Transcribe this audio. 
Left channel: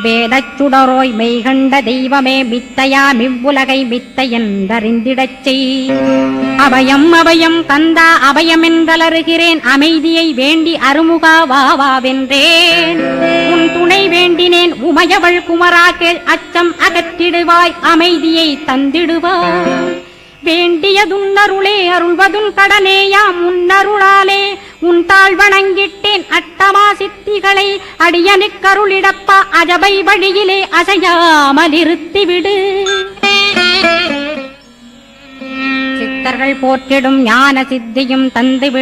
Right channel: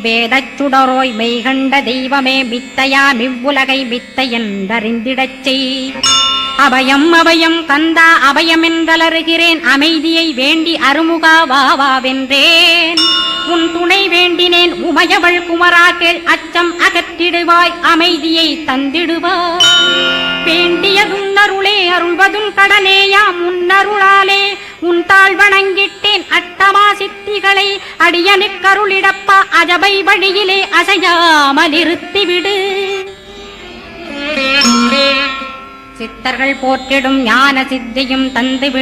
வேதச்சுடரோய் மெய்கண்ட தெய்வமே மித்தையா மிவ்வுலகை மித்தை என்றறிந்திடச் செய். அபயம் அபயம் கந்தா அபயம் அமைதியை வேண்டி அருமுகா வா வா உன் துணை வேண்டினேன். உமையவள் குமரா அச்சம் அகத்திடுவாய் அமைதியை தந்திடுவாய். வேண்டியதும் அருளே அருள்வதும் கடனேயாம். முன்னருளாலே உன் தாழ் வணங்கிட்டேன் சித்திகளை அடியனுக்கருளிடப்பா அஜபை வழியிலே அசையாமல் இருத்திவிடு சித்தர்கள் போற்றிடும் ஞான சித்தியும் தந்துவிடு.